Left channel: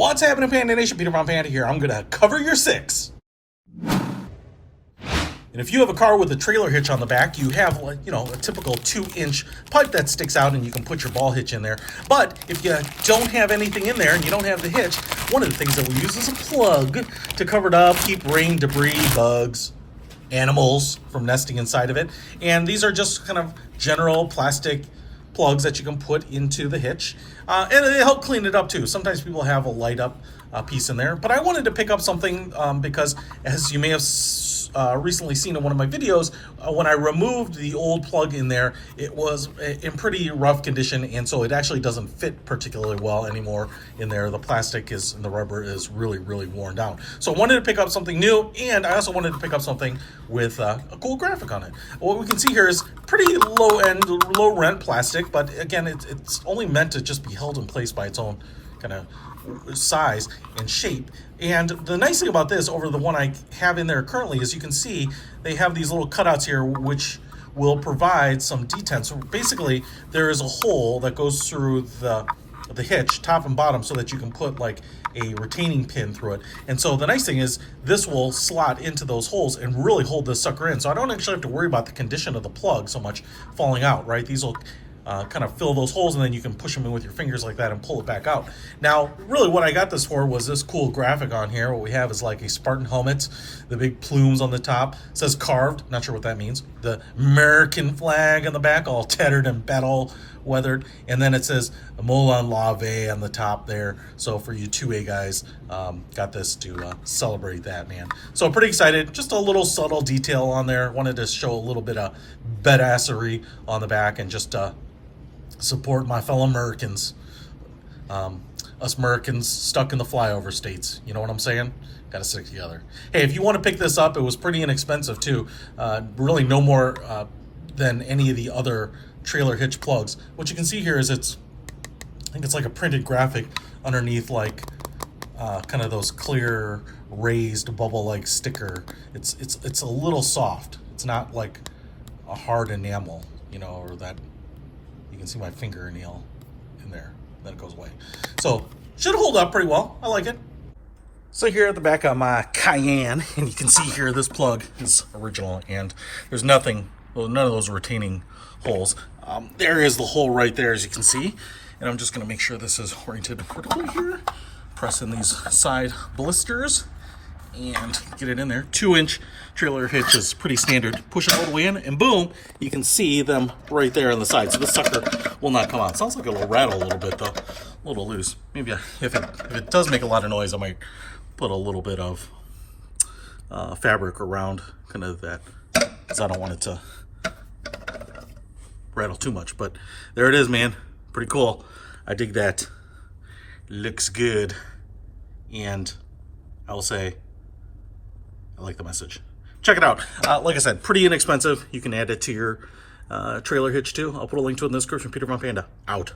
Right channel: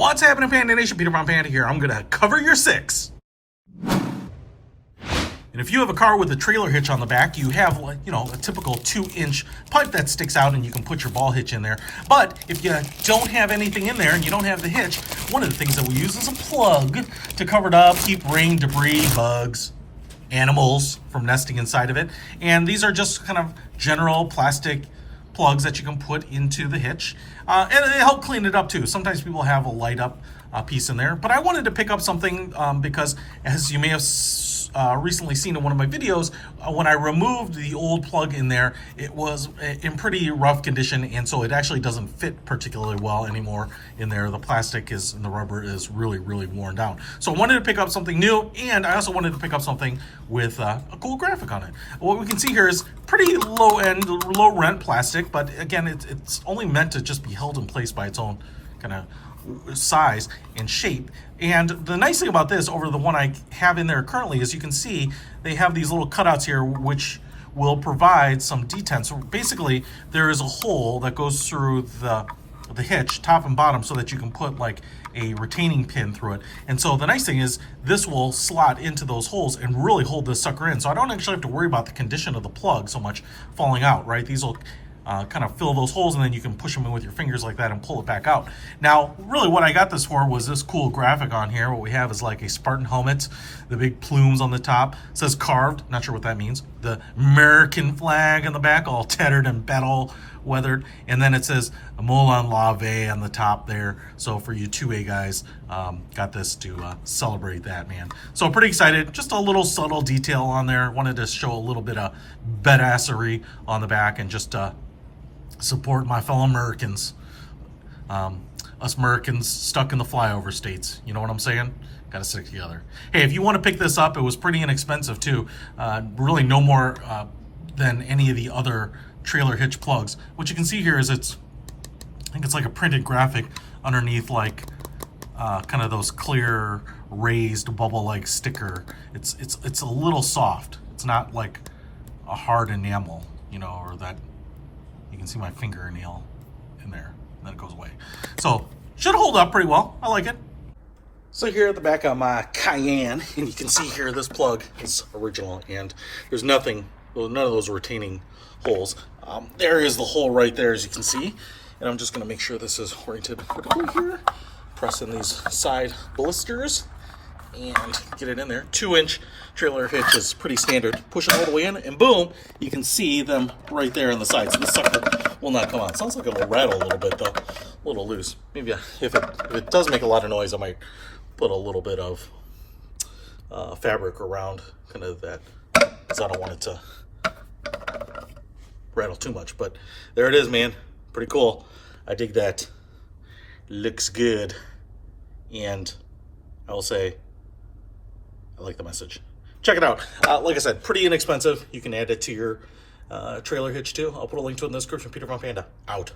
What's happening, Panda Nation? Peter from Panda here. I'm going to cover your six. And if you have a car with a trailer hitch on the back, you have, a typical 2-inch pipe that sticks out and you can put your ball hitch in there. But if you don't have anything in there and you don't have the hitch, one of the things that we use is a plug to cover it up, keep rain, debris, bugs, animals from nesting inside of it. And these are just kind of general plastic plugs that you can put into the hitch. And they help clean it up too. Sometimes people have a light up piece in there. But I wanted to pick up something because, as you may have recently seen in one of my videos, when I removed the old plug in there, it was in pretty rough condition, and so it actually doesn't fit particularly well anymore in there. The plastic is and the rubber is really worn down. So I wanted to pick up something new, and I also wanted to pick up something with a cool graphic on it. What we can see here is pretty low rent plastic, but again, it's only meant to just be held in place by its own kind of size and shape. And the nice thing about this over the one I have in there currently is you can see they have these little cutouts here which will provide some detent. So basically there is a hole that goes through the hitch, top and bottom, so that you can put like a retaining pin through it. And so the nice thing is this will slot into those holes and really hold this sucker in. So I don't actually have to worry about the condition of the plug so much falling out, right? These will kind of fill those holes, and then you can push them in with your fingers like that and pull it back out. Now, really what I got this for was this cool graphic on here. What we have is like a Spartan helmet, the big plumes on the top. It says carved, not sure what that means. The American flag on the back, all tattered and battle weathered. And then it says Molon Labe on the top there. So for you 2A guys, got this to celebrate that, man. So pretty excited. Just a little subtle detail on there. Wanted to show a little bit of badassery on the back and just support my fellow Americans. Us Americans stuck in the flyover states. You know what I'm saying? Got to stick together. Hey, if you want to pick this up, it was pretty inexpensive too. Really no more than any of the other trailer hitch plugs. What you can see here is I think it's like a printed graphic underneath, like kind of those clear raised bubble-like sticker. It's a little soft. It's not like a hard enamel, or that. You can see my fingernail in there, then it goes away. So should hold up pretty well. I like it. So here at the back of my Cayenne, and you can see here this plug is original, and there's none of those retaining holes. There is the hole right there, as you can see, and I'm just going to make sure this is oriented vertically here. Press in these side blisters and get it in there. 2-inch trailer hitch is pretty standard. Push it all the way in, and boom, you can see them right there on the side. So this sucker will not come out. Sounds like it'll rattle a little bit though, a little loose. Maybe if it does make a lot of noise, I might put a little bit of fabric around kind of that, because I don't want it to rattle too much. But there it is, man. Pretty cool. I dig that. Looks good, and I will say I like the message. Check it out. Like I said, pretty inexpensive. You can add it to your trailer hitch too. I'll put a link to it in the description. Peter from Panda, out.